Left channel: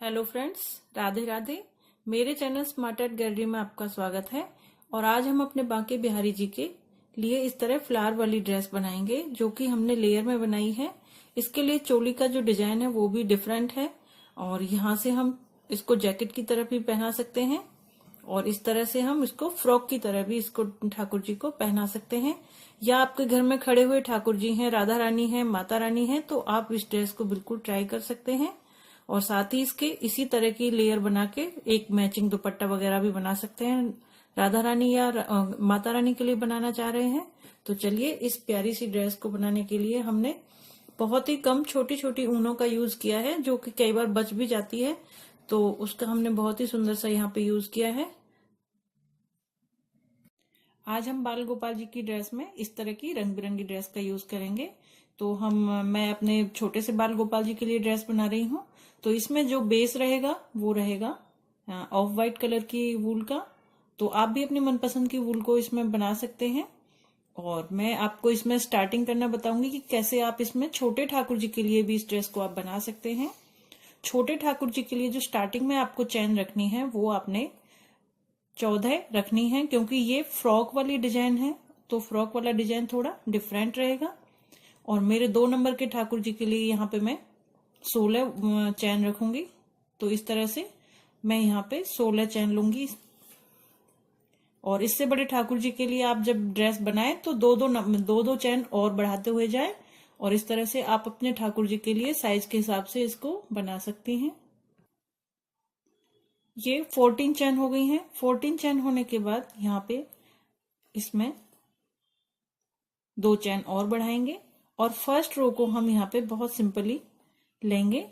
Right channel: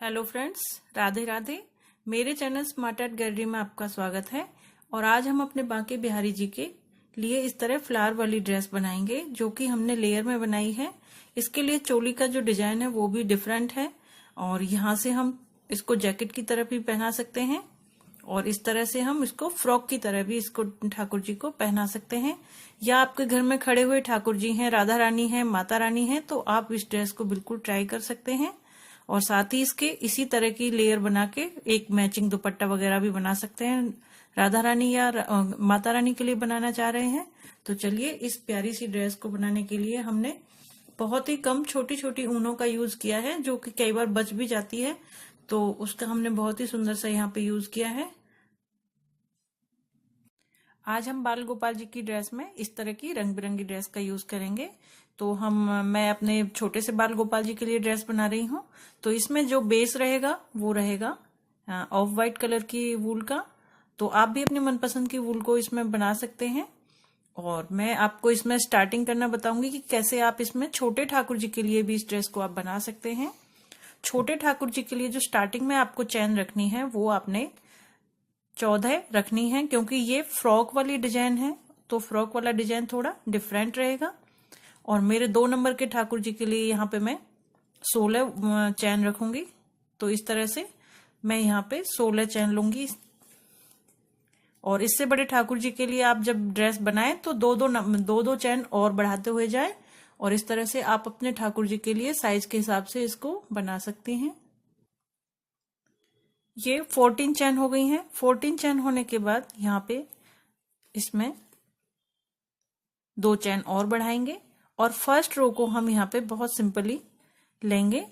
Hello friends, Radhe Radhe. मेरे channel smart art gallery में आपका स्वागत है। और आज हम अपने बांके बिहारी जी के लिए इस तरह फ्लावर वाली ड्रेस बनाएंगे जो कि हमने लेयर में बनाई है। इसके लिए चोली का जो डिजाइन है वो भी डिफरेंट है और यहाँ से हम इसको जैकेट की तरह भी पहना सकते हैं और इस तरह से हम इसको फ्रॉक की तरह भी इसको ठाकुर जी को पहना सकते हैं। या आपके घर में खड़े हुए ठाकुर जी हैं, राधा रानी है, माता रानी है, तो आप इस ड्रेस को बिल्कुल ट्राई कर सकते हैं। और साथ ही इसके इसी तरह की लेयर बना के एक मैचिंग दुपट्टा वगैरह भी बना सकते हैं। राधा रानी या माता रानी के लिए बनाना चाह रहे हैं तो चलिए, इस प्यारी सी ड्रेस को बनाने के लिए हमने बहुत ही कम छोटी छोटी ऊनों का यूज किया है जो कि कई बार बच भी जाती है, तो उसका हमने बहुत ही सुंदर सा यहाँ पे यूज किया है। आज हम बाल गोपाल जी की ड्रेस में इस तरह की रंग बिरंगी ड्रेस का यूज करेंगे। तो मैं अपने छोटे से बाल गोपाल जी के लिए ड्रेस बना रही हूँ। तो इसमें जो बेस रहेगा वो रहेगा ऑफ वाइट कलर की वूल का। तो आप भी अपनी मनपसंद की वूल को इसमें बना सकते हैं। और मैं आपको इसमें स्टार्टिंग करना बताऊंगी कि कैसे आप इसमें छोटे ठाकुर जी के लिए भी इस ड्रेस को आप बना सकते हैं। छोटे ठाकुर जी के लिए जो स्टार्टिंग में आपको चैन रखनी है वो आपने 14 रखनी है, क्योंकि ये फ्रॉक वाली डिजाइन है तो फ्रॉक वाला डिजाइन थोड़ा डिफरेंट रहेगा। और मेरे 2 नंबर के ठाकुर जी के लिए यहाँ पे मैं 16 चैन रखूंगी। तो इस तरह से मैं यहाँ पे 16 चैन लूंगी। और इससे बड़े ठाकुर जी के लिए आप जब ड्रेस बनाएं तो दो दो चैन और बढ़ाते हुए जाए। और इस तरह से आप अपने ठाकुर जी के लिए साइज के हिसाब से इसको बना सकती हैं। ये 14 चैन हो गई हैं। 14 चैन होने के बाद यहाँ पे इसमें 2 चैन और बढ़ाएंगे और फर्स्ट रो को हम यहाँ पे बहुत सिंपली लेंगे।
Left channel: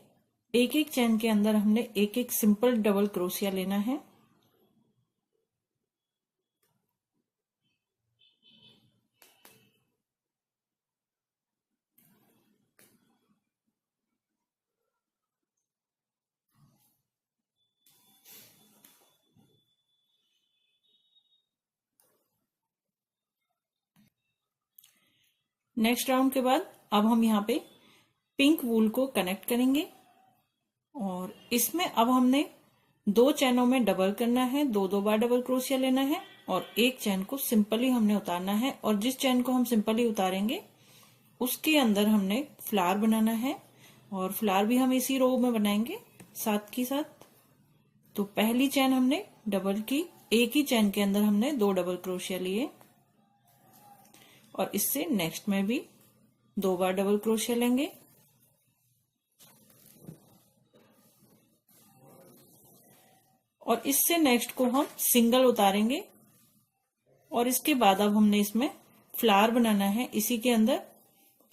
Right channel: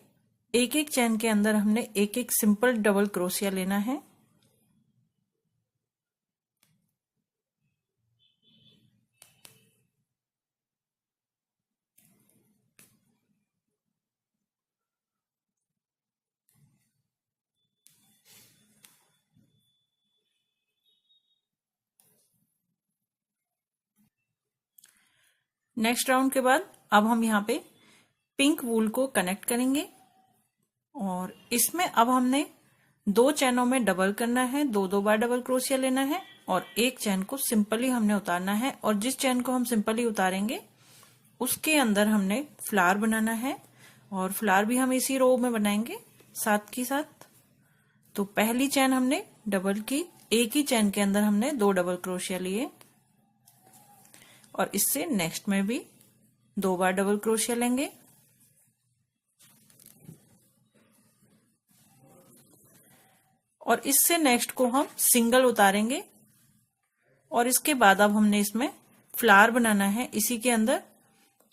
एक एक चैन के अंदर हमने एक एक सिंपल डबल क्रोशिया लेना है। नेक्स्ट राउंड के बाद अब हम यहाँ पे पिंक वूल को कनेक्ट करेंगे और इसमें अब हमने 2 चैनों में डबल करना है, 2 बार डबल क्रोशिया लेना है और एक चैन को सिंपली हमने उतारना है। और जिस चैन को हम सिंपली उतारेंगे उसके अंदर हमने फ्लावर बनाना है और फ्लावर भी हम इसी रो में बनाएंगे साथ की साथ। तो पहली चैन हमने डबल की, एक ही चैन के अंदर हमने 2 डबल क्रोशिया लिए और इससे नेक्स्ट में भी 2 बार डबल क्रोशिया लेंगे और इससे नेक्स्ट को हम सिंगल उतारेंगे। और इसके बाद अब हमने इसमें फ्लावर बनाना है इसी के अंदर।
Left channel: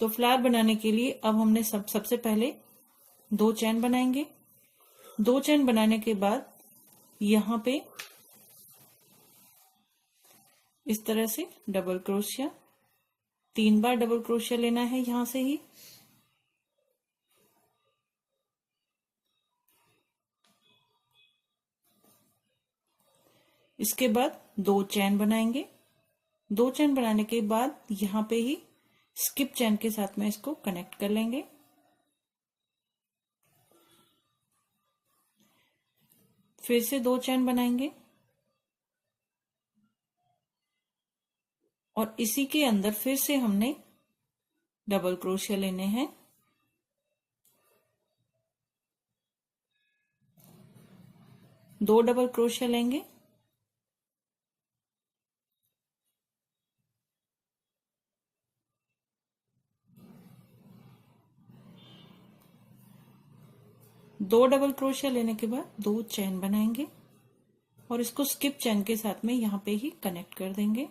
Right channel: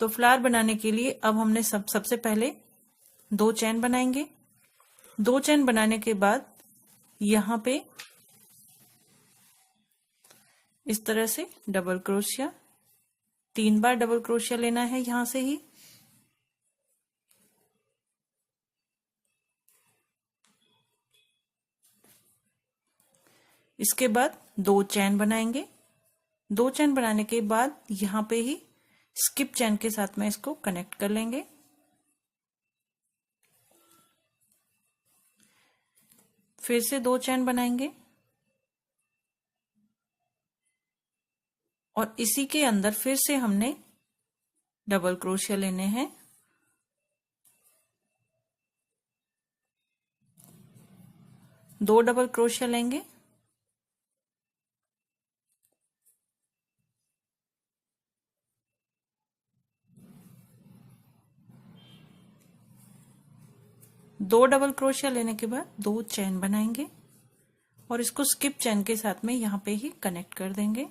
तो फ्लावर बनाने के लिए अब हमने सबसे पहले 2 चैन बनाएंगे। 2 चैन बनाने के बाद यहाँ पे इस तरह से डबल क्रोशिया, 3 बार डबल क्रोशिया लेना है यहां से ही। इसके बाद 2 चैन बनाएंगे। 2 चैन बनाने के बाद यहां पे ही स्किप चैन के साथ में इसको कनेक्ट कर लेंगे। फिर से 2 चैन बनाएंगे और इसी के अंदर फिर से हमने डबल क्रोशिया लेने हैं। दो डबल क्रोशिया लेंगे दो डबल क्रोशिया लेने के बाद 2 चैन बनाएंगे और इसको स्किप चैन के साथ में यहां पे ही कनेक्ट कर देंगे।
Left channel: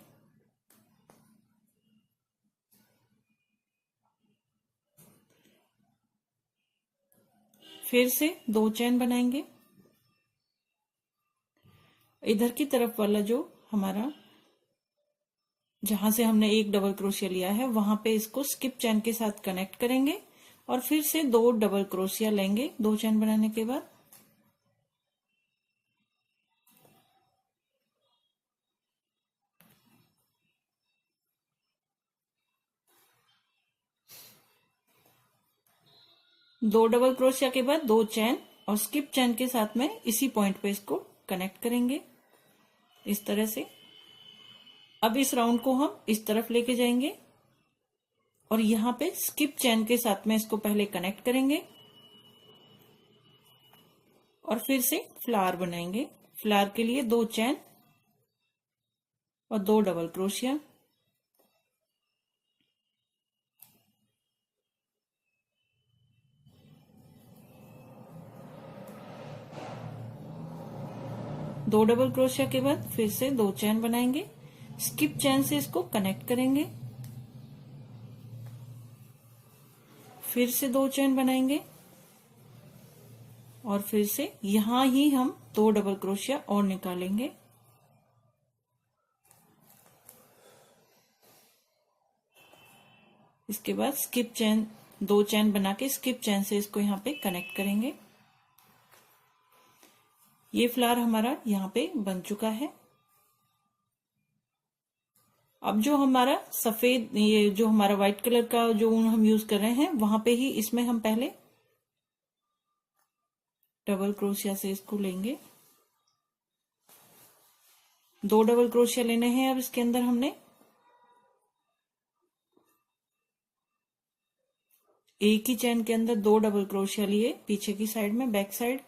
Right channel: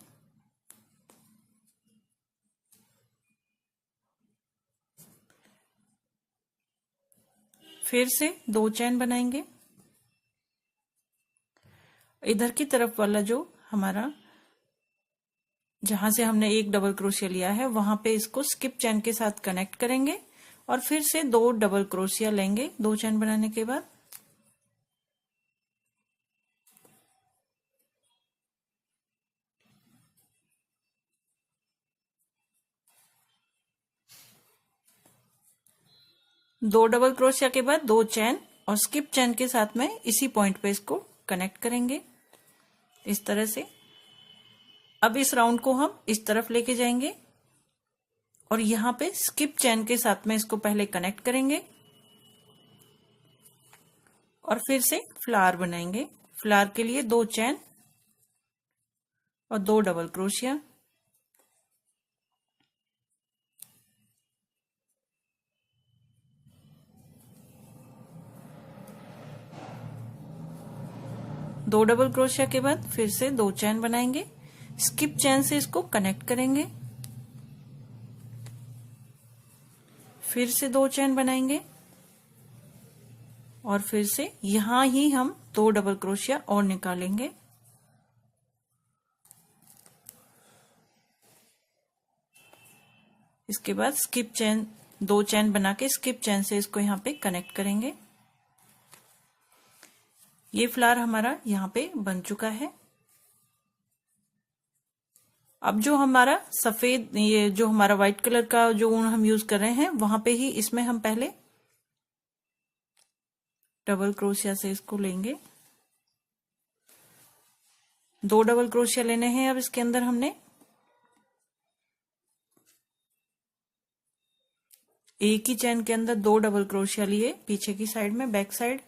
फिर से 2 चैन बनाएंगे। इधर की तरफ वाला जो हमारा, जहां से हमने एक डबल क्रोशिया लिया है वहां पे इसको स्किप चैन के साथ कनेक्ट करेंगे और फिर से 2 डबल क्रोशिया लेंगे 2 चैन बनाने के बाद। दो डबल क्रोशिया के बाद 2 चैन और स्किप चेन के साथ में इसी पॉइंट पे इसको कनेक्ट करेंगे इस तरह से। अब इस राउंड को हम इस तरफ लेके जाएंगे और यहाँ पे स्किप चेन के साथ में इसको पहले कनेक्ट करेंगे और फिर से फ्लावर बनाएंगे। फ्लावर के लिए 2 चेन और 2 डबल क्रोशिया। दो डबल क्रोशिया के बाद फिर से 2 चेन बनाएंगे, स्किप चेन से इसको कनेक्ट करेंगे, फिर से 2 चेन बनाएंगे और फिर से यहां ही हम 2 डबल क्रोशिया और निकालेंगे। इसके बाद स्किप चेन 2 चेन बना के स्किप चेन से इसको यहाँ पे कनेक्ट करेंगे। ये फ्लावर हमारा यहाँ पे बन चुका है। अब जो हमारा सफेद, ये जो हमारा व्हाइट कलर का जो ऊन हम यूज कर रहे हैं वहां पे ही इसमें हम पहले डबल क्रोशिया से इसको लेंगे। 2 डबल क्रोशिया लेने हैं। अब इसके अंदर हमने एक ही चेन के अंदर 2 डबल क्रोशिया लिए पीछे की साइड में, बैक साइड।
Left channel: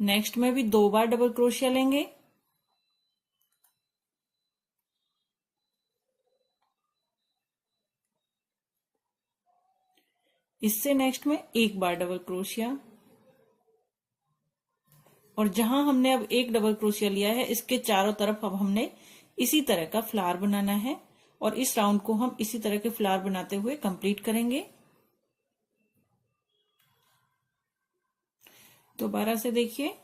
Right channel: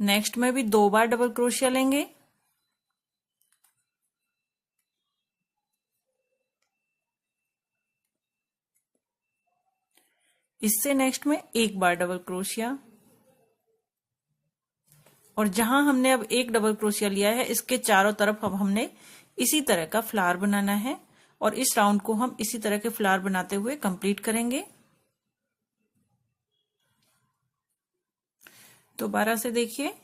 नेक्स्ट में भी 2 बार डबल क्रोशिया लेंगे, इससे नेक्स्ट में 1 बार डबल क्रोशिया। और जहां हमने अब 1 डबल क्रोशिया लिया है इसके चारों तरफ अब हमने इसी तरह का फ्लावर बनाना है और इस राउंड को हम इसी तरह के फ्लावर बनाते हुए कंप्लीट करेंगे। दोबारा से देखिए,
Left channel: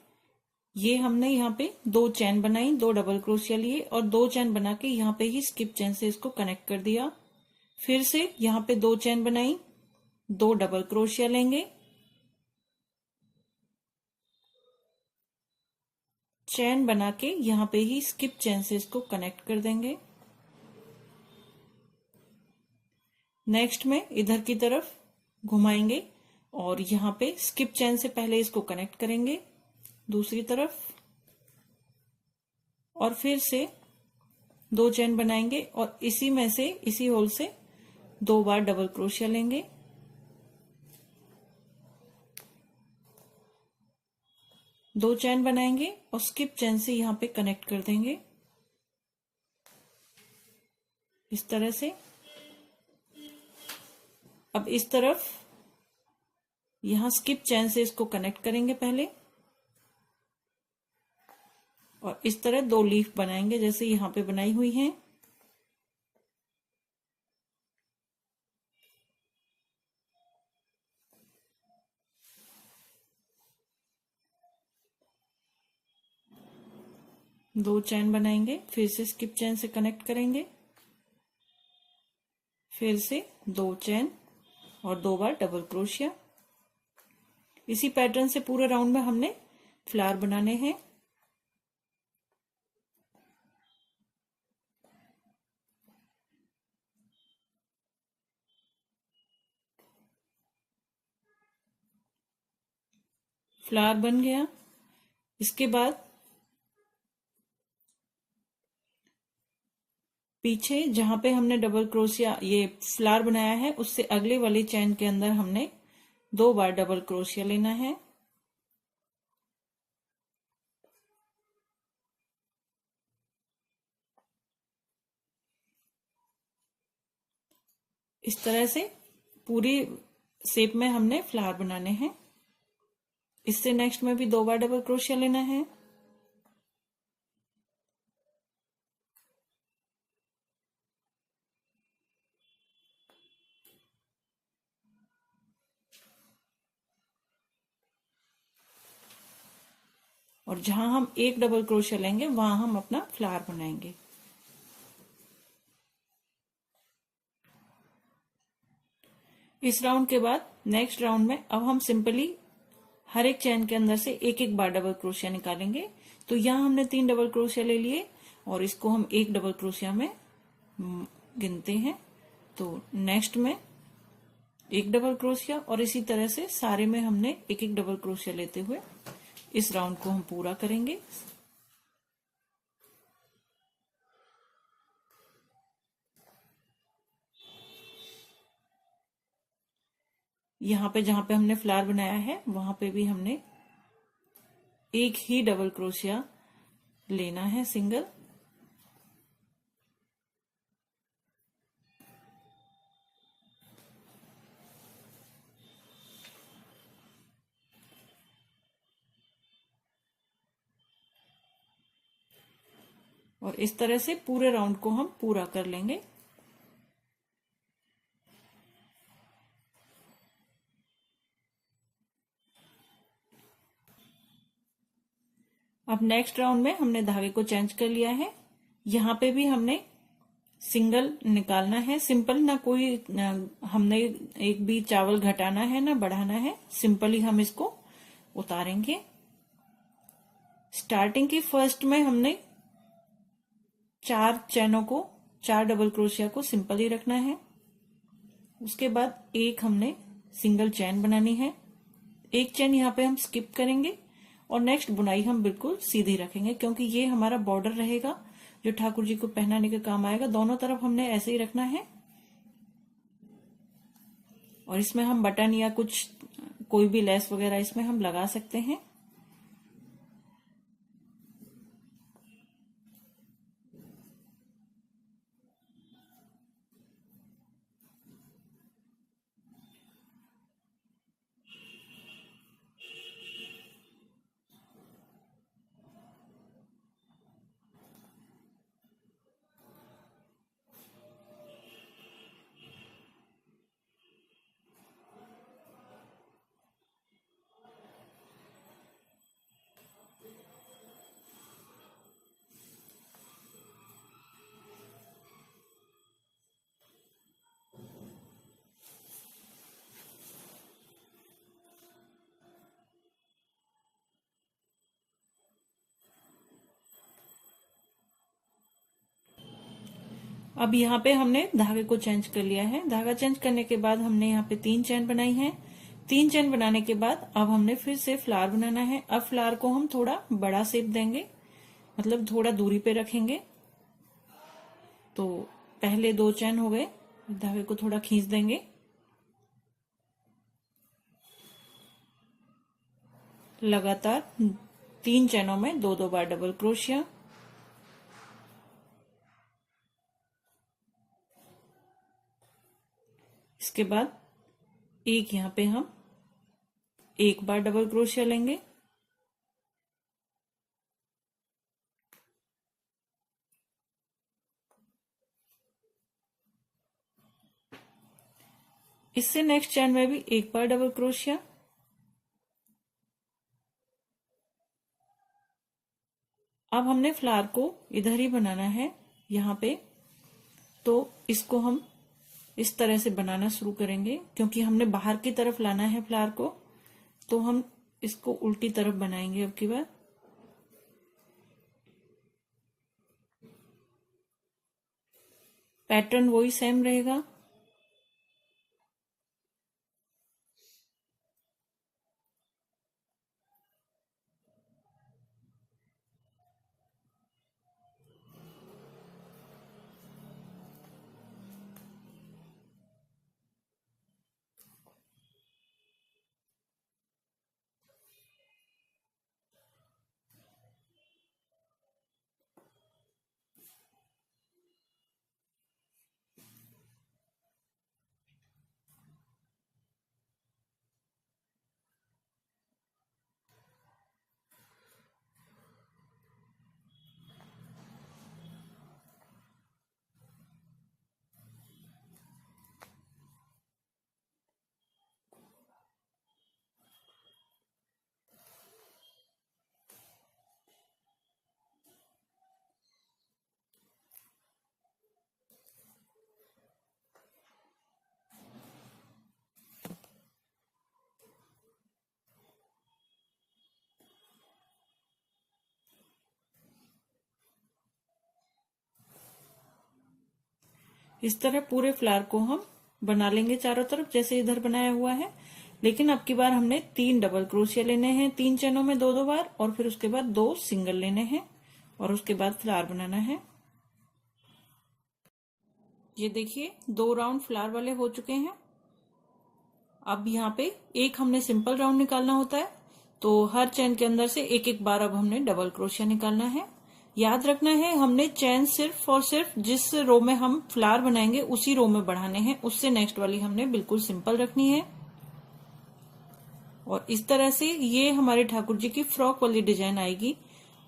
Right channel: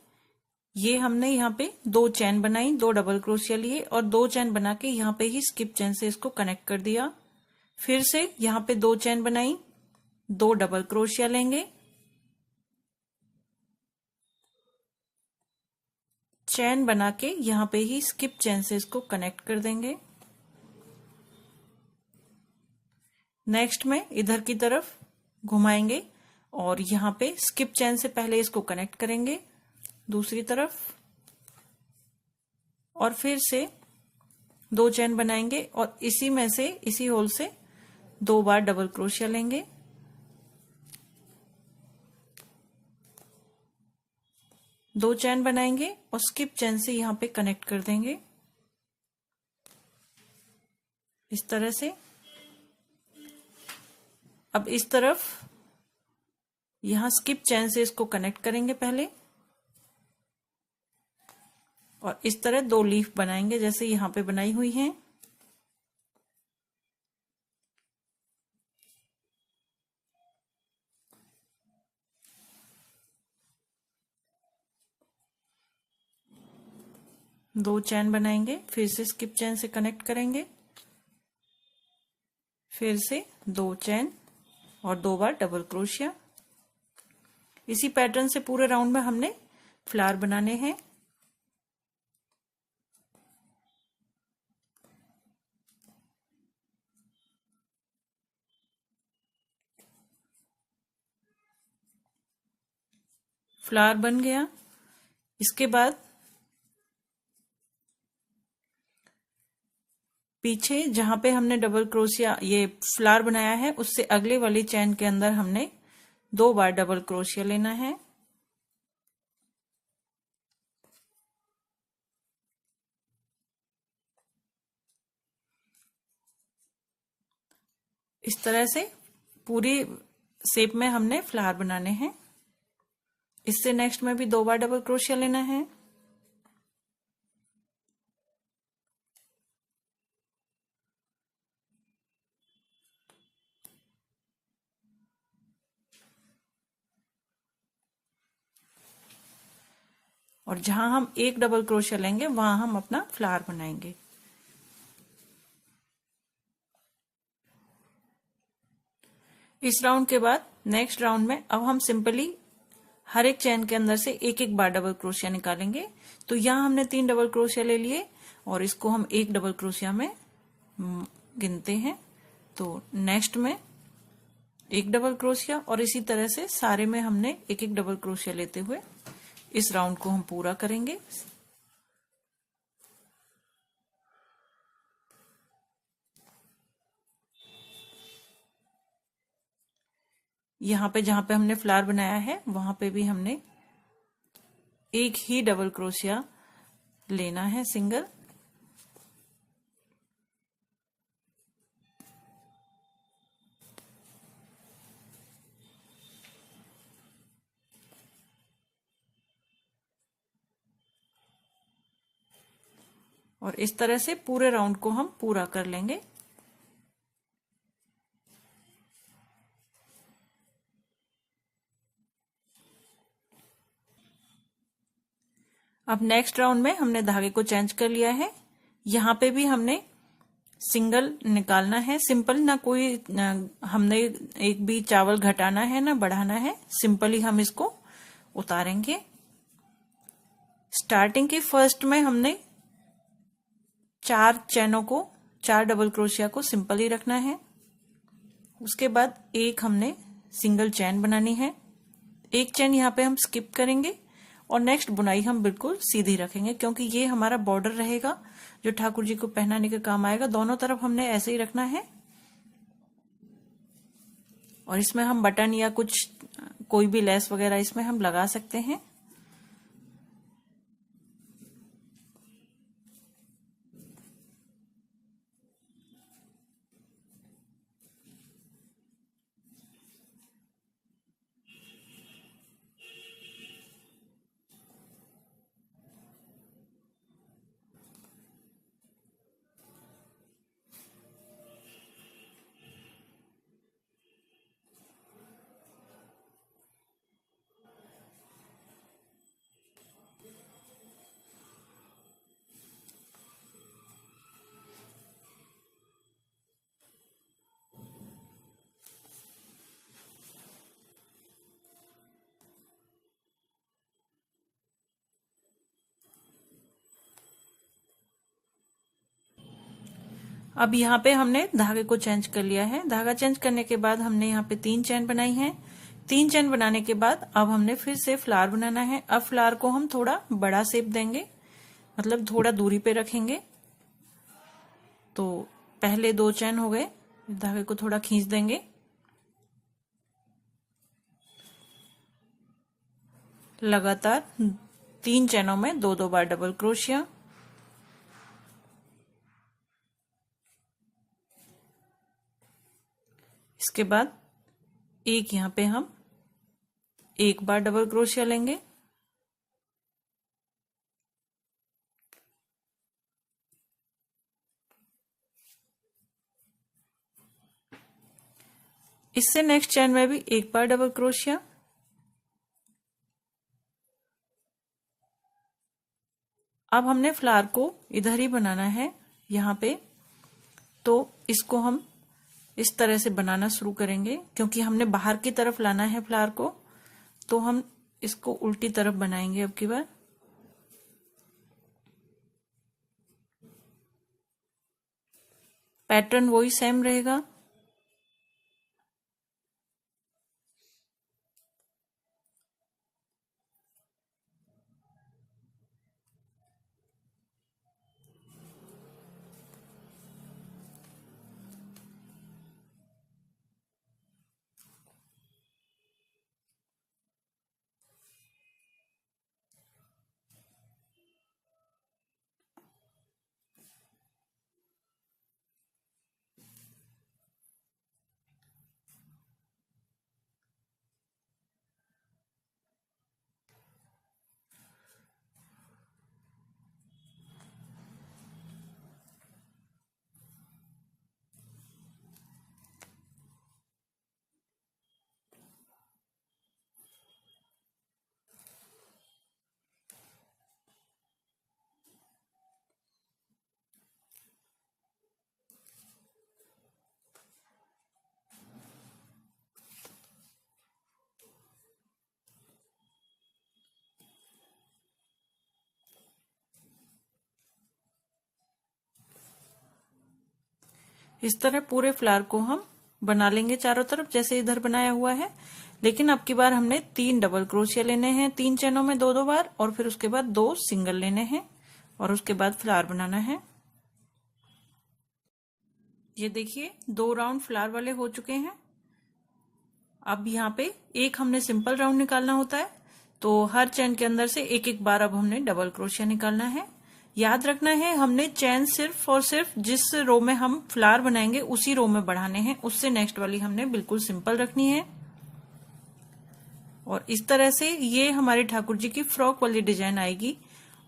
ये हमने यहाँ पे 2 चेन बनाई, 2 डबल क्रोशिया लिए और 2 चेन बना के यहाँ पे ही स्किप चेन से इसको कनेक्ट कर दिया। फिर से यहाँ पे 2 चेन बनाई, 2 डबल क्रोशिया लेंगे, चेन बना के यहाँ पे ही स्किप चेन से इसको कनेक्ट कर देंगे। नेक्स्ट में इधर की तरफ घुमाएंगे और यहाँ पे स्किप चेन से पहले इसको कनेक्ट करेंगे दूसरी तरफ और फिर से 2 चेन बनाएंगे और इसी में से, इसी होल से 2 बार डबल क्रोशिया लेंगे, दो चेन बनाएंगे और स्किप चेन से यहाँ पे कनेक्ट कर देंगे इस तरह से। अब इस तरफ यहां स्किप चेन से इसको कनेक्ट करेंगे पहले और इस तरह 2 लीफ बनाएंगे जैसे यहाँ पे बनाई हुई हैं। दो चेन बनाएंगे, फिर से स्किप चेन से कनेक्ट करेंगे, फिर से 2 चेन और 2 बार डबल क्रोशिया। इसी पैटर्न से पूरे राउंड में हमने फ्लावर बनाने हैं। फ्लावर बन गया। इसके बाद पीछे जहां पे हमने डबल क्रोशिया ये फ्लावर बनाया है उससे अगले वाली चेन के अंदर हमने 2 बार डबल क्रोशिया लेना है। इस तरह से पूरी शेप में हमने फ्लावर बनाने हैं। इससे नेक्स्ट में भी 2 बार डबल क्रोशिया लेना है। और जहां हम 1 डबल क्रोशिया लेंगे वहां हम अपना फ्लावर बनाएंगे। इस राउंड के बाद नेक्स्ट राउंड में अब हम सिंपली हर एक चेन के अंदर से 1-1 बार डबल क्रोशिया निकालेंगे। तो यहां हमने 3 डबल क्रोशिया ले लिए और इसको हम 1 डबल क्रोशिया में गिनते हैं। तो नेक्स्ट में एक डबल क्रोशिया, और इसी तरह से सारे में हमने एक एक डबल क्रोशिया लेते हुए इस राउंड को हम पूरा करेंगे। यहाँ पे जहां पे हमने फ्लावर बनाया है वहां पे भी हमने एक ही डबल क्रोशिया लेना है, सिंगल। और इस तरह से पूरे राउंड को हम पूरा कर लेंगे। अब नेक्स्ट राउंड में हमने धागे को चेंज कर लिया है। यहाँ पे भी हमने सिंगल निकालना है, सिंपल, ना कोई हमने एक भी चावल घटाना है ना बढ़ाना है, सिंपल ही हम इसको उतारेंगे। स्टार्टिंग के फर्स्ट में हमने 4 चैनों को, 4 डबल क्रोशिया को सिंपल ही रखना है। उसके बाद एक हमने सिंगल चैन बनानी है, एक चैन यहाँ पे हम स्किप करेंगे और नेक्स्ट बुनाई हम बिल्कुल सीधी रखेंगे, क्योंकि ये हमारा बॉर्डर रहेगा जो ठाकुर जी को पहनाने के काम आएगा। दोनों तरफ हमने ऐसे ही रखना है। और इसमें हम बटन या कुछ कोई भी लेस वगैरह इसमें हम लगा सकते हैं। अब यहाँ पे हमने धागे को चेंज कर लिया है। धागा चेंज करने के बाद हमने यहाँ पे 3 चैन बनाई है। 3 चैन बनाने के बाद अब हमने फिर से फ्लावर बनाना है। अब फ्लावर को हम थोड़ा बड़ा शेप देंगे, मतलब थोड़ा दूरी पे रखेंगे। तो पहले 2 चैन हो गए, धागे को थोड़ा खींच देंगे, लगातार 3 चैनों में 2-2 बार डबल क्रोशिया। इसके बाद एक यहाँ पे हम 1 बार डबल क्रोशिया लेंगे, इससे नेक्स्ट चैन में भी 1 बार डबल क्रोशिया। अब हमने फ्लावर को इधर ही बनाना है यहाँ पे, तो इसको हम इस तरह से बनाना शुरू करेंगे, क्योंकि हमने बाहर की तरफ लाना है फ्लावर को, तो हम इसको उल्टी तरफ बनाएंगे। अब की बार पैटर्न वही सेम रहेगा। इस तरह पूरे फ्लावर को हम बना लेंगे चारों तरफ जैसे इधर बनाया हुआ है। लेकिन अब की बार हमने 3 डबल क्रोशिया लेने हैं 3 चेनों में 2-2 बार, और फिर उसके बाद 2 सिंगल लेने हैं और उसके बाद फ्लावर बनाना है। ये देखिए 2 राउंड फ्लावर वाले हो चुके हैं। अब यहाँ पे एक हमने सिंपल राउंड निकालना होता है, तो हर चेन के अंदर से एक एक बार अब हमने डबल क्रोशिया निकालना है। याद रखना है हमने चेन सिर्फ और सिर्फ जिस रो में हम फ्लावर बनाएंगे उसी रो में बढ़ाने हैं, उससे नेक्स्ट वाली हमने बिल्कुल सिंपल रखनी है। और इस तरह से ये हमारे ठाकुर जी की फ्रॉक वाली डिजाइन आएगी।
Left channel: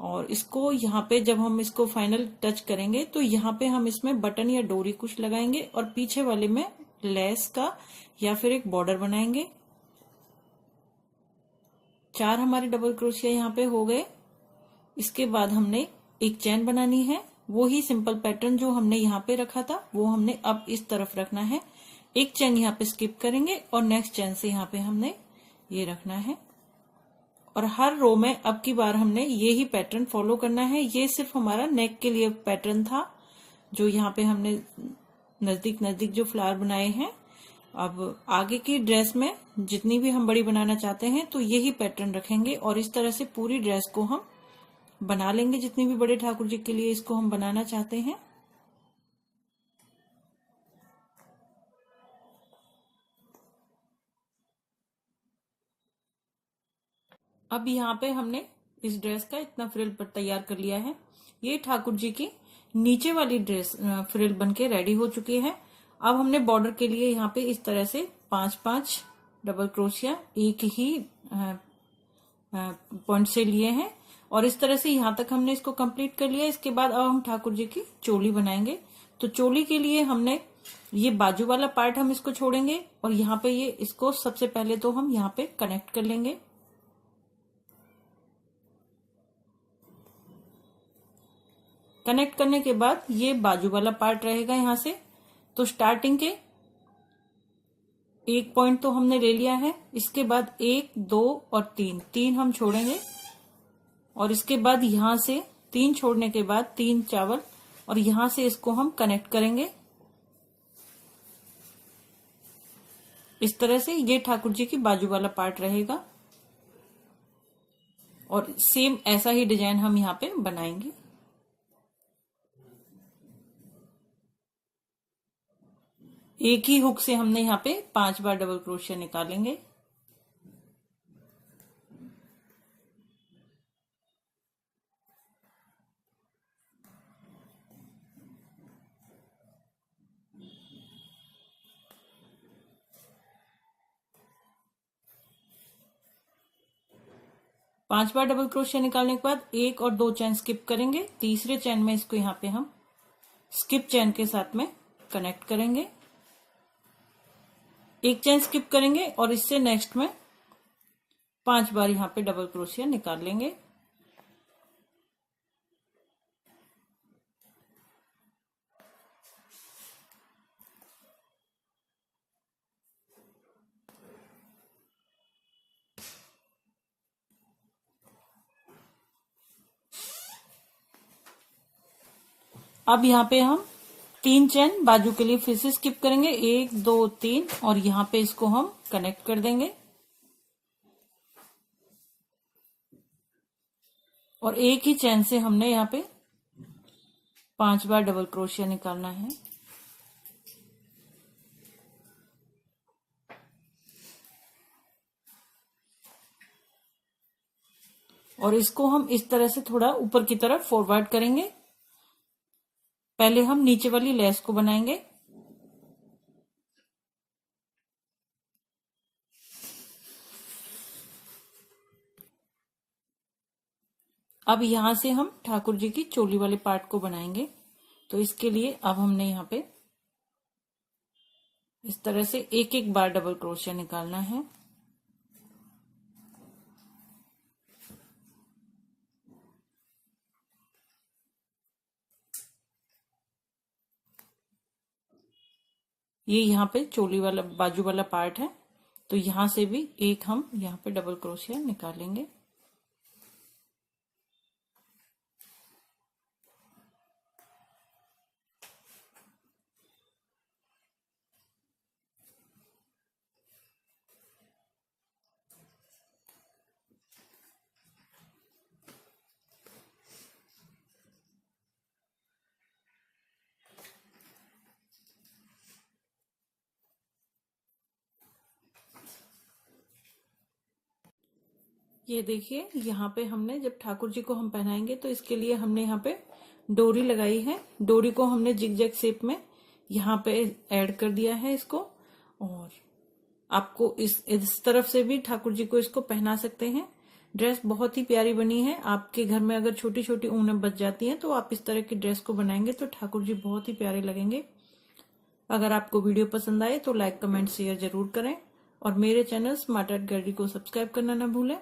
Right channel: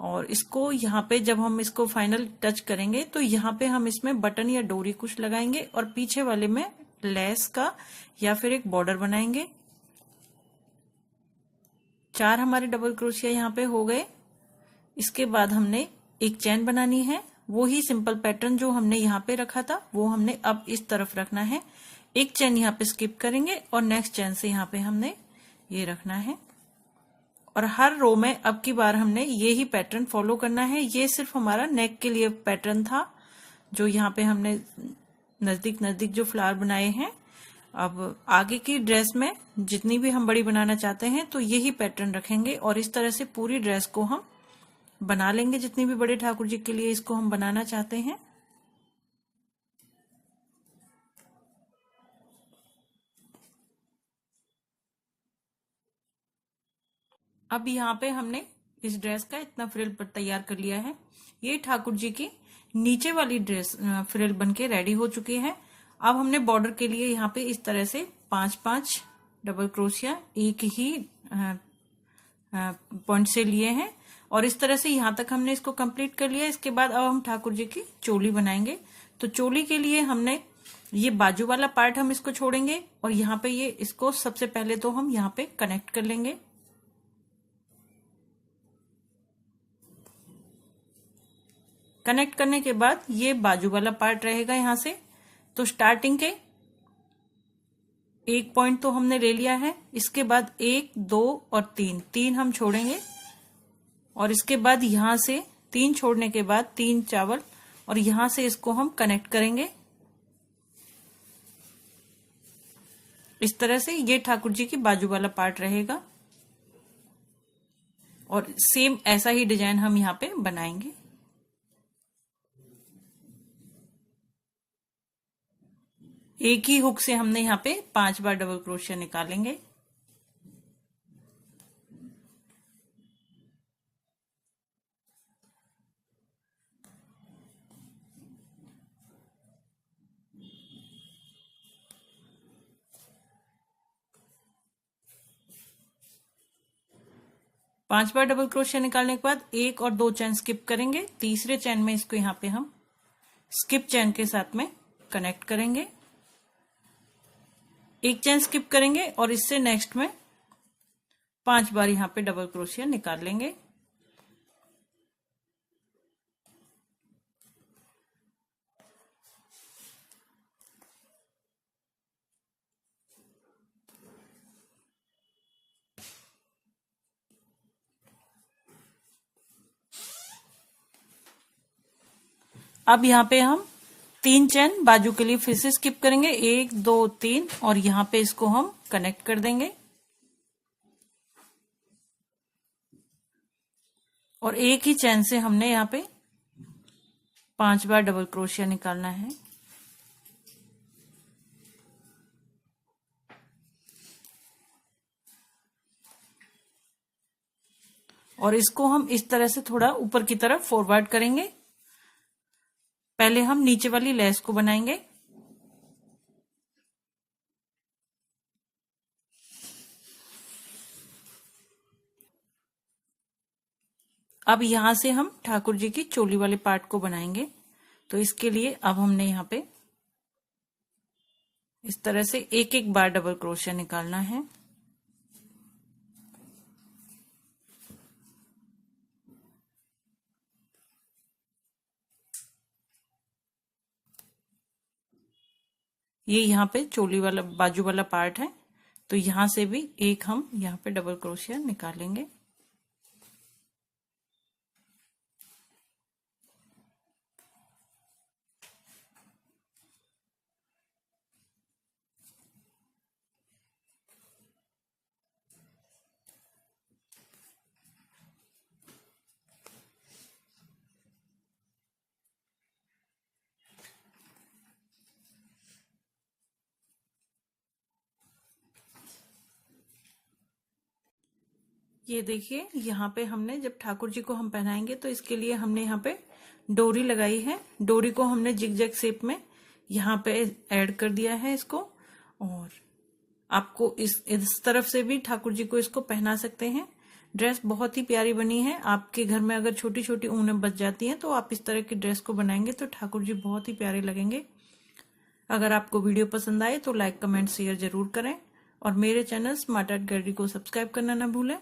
और इसको यहाँ पे जब हम इसको फाइनल टच करेंगे तो यहाँ पे हम इसमें बटन या डोरी कुछ लगाएंगे और पीछे वाले में लेस का या फिर एक बॉर्डर बनाएंगे। 4 हमारे डबल क्रोशिया यहाँ पे हो गए। इसके बाद हमने एक चैन बनानी है, वो ही सिंपल पैटर्न जो हमने यहाँ पे रखा था वो हमने अब इस तरफ रखना है। एक चैन यहाँ पे स्किप करेंगे और नेक्स्ट चैन से यहाँ पे हमने ये रखना है। और हर रो में अब की बार हमने ये ही पैटर्न फॉलो करना है। ये सिर्फ हमारा नेक के लिए पैटर्न था जो यहाँ पे हमने नजदीक नजदीक जो फ्लावर बनाए हैं। अब आगे की ड्रेस में जितनी भी हम बड़ी बनाना चाहते हैं तो यही पैटर्न रखेंगे और इस तरह से पूरी ड्रेस को हम बना लेंगे जितनी भी बड़े ठाकुर जी के लिए इसको हम बनाना चाहते हैं। अब यहाँ पे हमने इस ड्रेस का इतना फ्रिल तैयार कर लिया है। ये ठाकुर जी की नीचे वाली ड्रेस फ्रिल बनके रेडी हो चुकी है। अब हमने बॉर्डर के लिए यहाँ पे इस तरह से 5-5 डबल क्रोशिया एक ही पॉइंट से लिए हैं और इस तरह से यहाँ तक हमने इसको कंप्लीट कर लिया। इसके बाद अब हम ठाकुर जी की चोली बनाएंगे। तो चोली के लिए हमने ये बाजू वाला पार्ट हम इसको छोड़ेंगे और यहाँ पे ये इसको सबसे पहले तो हम यहाँ पे कनेक्ट कर लेंगे। कनेक्ट करने के बाद ये बाजू वाला पार्ट रहेगा यहाँ से। तो स्टार्टिंग के एक पॉइंट तो हमने ले लिया है। इसके बाद 1, 2 और 3 हम छोड़ेंगे और इसके बाद यहां से 3 छोड़ने के बाद 3 चावल और यहां से इसको हम कनेक्ट करेंगे। इस तरह से ये ठाकुर जी की बाजू वाला पार्ट रहेगा और सेम ऐसा ही डिजाइन हम यहाँ पे बनाएंगे। एक ही हुक से हमने यहाँ पे 5 बार डबल क्रोशिया निकालेंगे। पांच बार डबल क्रोशिया निकालने के बाद 1 और 2 चैन स्किप करेंगे। तीसरे चैन में इसको यहाँ पे हम स्किप चैन के साथ में कनेक्ट करेंगे। एक चैन स्किप करेंगे और इससे नेक्स्ट में 5 बार यहाँ पे डबल क्रोशिया निकाल लेंगे। अब यहाँ पे हम 3 चैन बाजू के लिए फिर से स्किप करेंगे, 1, 2, 3 और यहाँ पे इसको हम कनेक्ट कर देंगे और एक ही चैन से हमने यहाँ पे 5 बार डबल क्रोशिया निकालना है। और इसको हम इस तरह से थोड़ा ऊपर की तरफ फॉरवर्ड करेंगे। पहले हम नीचे वाली लेस को बनाएंगे। अब यहां से हम ठाकुर जी की चोली वाले पार्ट को बनाएंगे। तो इसके लिए अब हमने यहाँ पे इस तरह से एक एक बार डबल क्रोशिया निकालना है। ये यहाँ पे चोली वाला बाजू वाला पार्ट है, तो यहां से भी एक हम यहाँ पे डबल क्रोशिया निकालेंगे। ये देखिए यहाँ पे हमने जब ठाकुर जी को हम पहनाएंगे तो इसके लिए हमने यहाँ पे डोरी लगाई है। डोरी को हमने जिगजैग शेप में यहाँ पे ऐड कर दिया है इसको। और आपको इस तरफ से भी ठाकुर जी को इसको पहना सकते हैं। ड्रेस बहुत ही प्यारी बनी है। आपके घर में अगर छोटी छोटी ऊनें बच जाती हैं तो आप इस तरह की ड्रेस को बनाएंगे तो ठाकुर जी बहुत ही प्यारे लगेंगे। अगर आपको वीडियो पसंद आए तो लाइक कमेंट शेयर जरूर करें और मेरे चैनल स्मार्ट आर्ट गैलरी को सब्सक्राइब करना ना भूलें।